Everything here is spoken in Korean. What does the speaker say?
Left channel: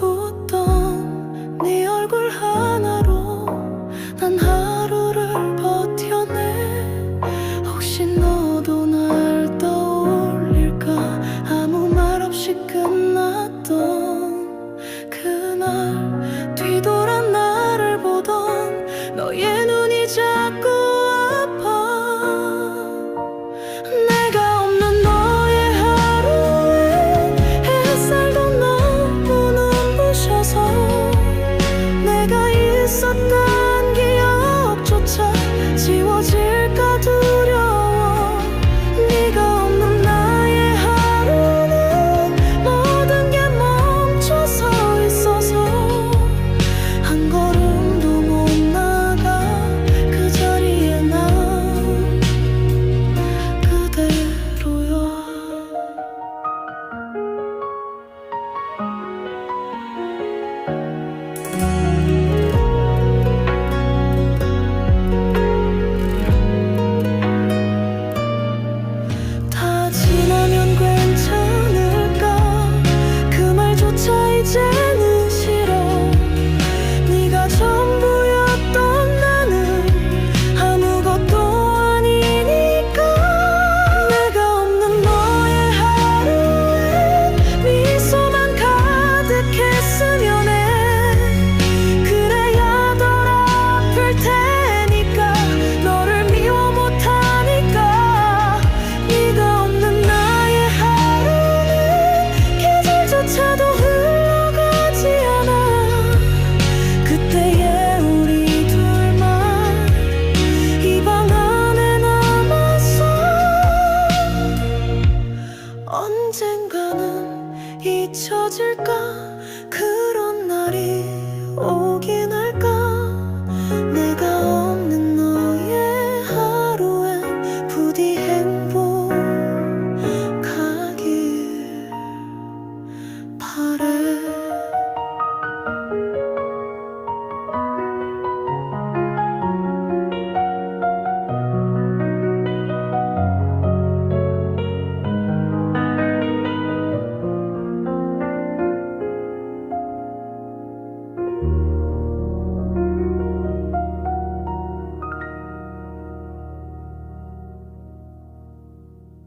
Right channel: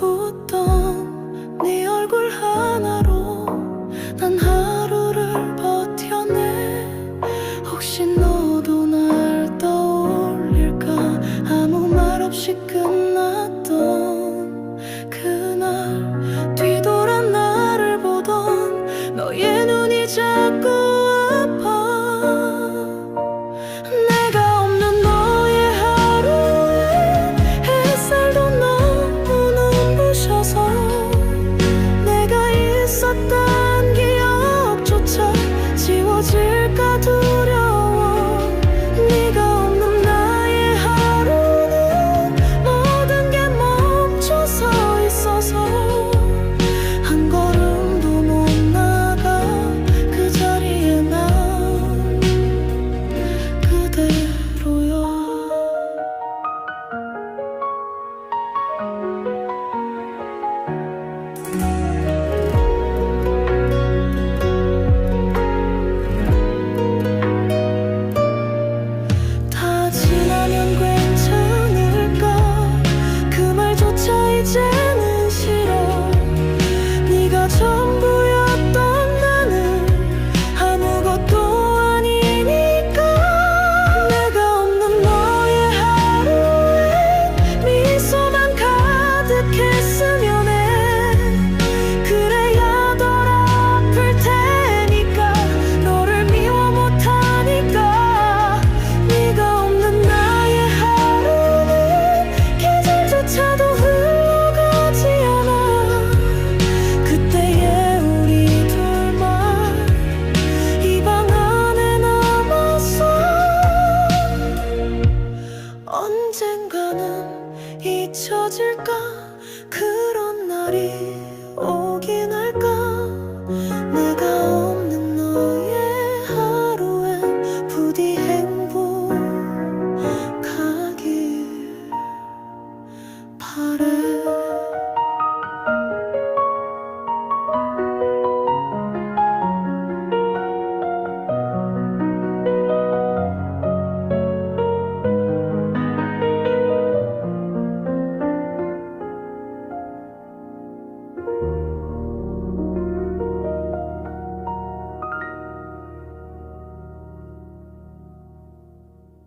웃던 네 얼굴 하나로 난 하루를 버텨내. 혹시 너도 날 떠올릴까? 아무 말 없이 끝났던 그날 뒤돌아 나를 보던 너의 눈이 자꾸 있었던 기억조차 지워질까 두려워. 네가 없는 나의 하루는 모든 게 멈춰서 있어서 한 걸음도 못 나가 그 자리에 난 그대로야. 잊혀질까? 그런 날이 오긴 할까? 내가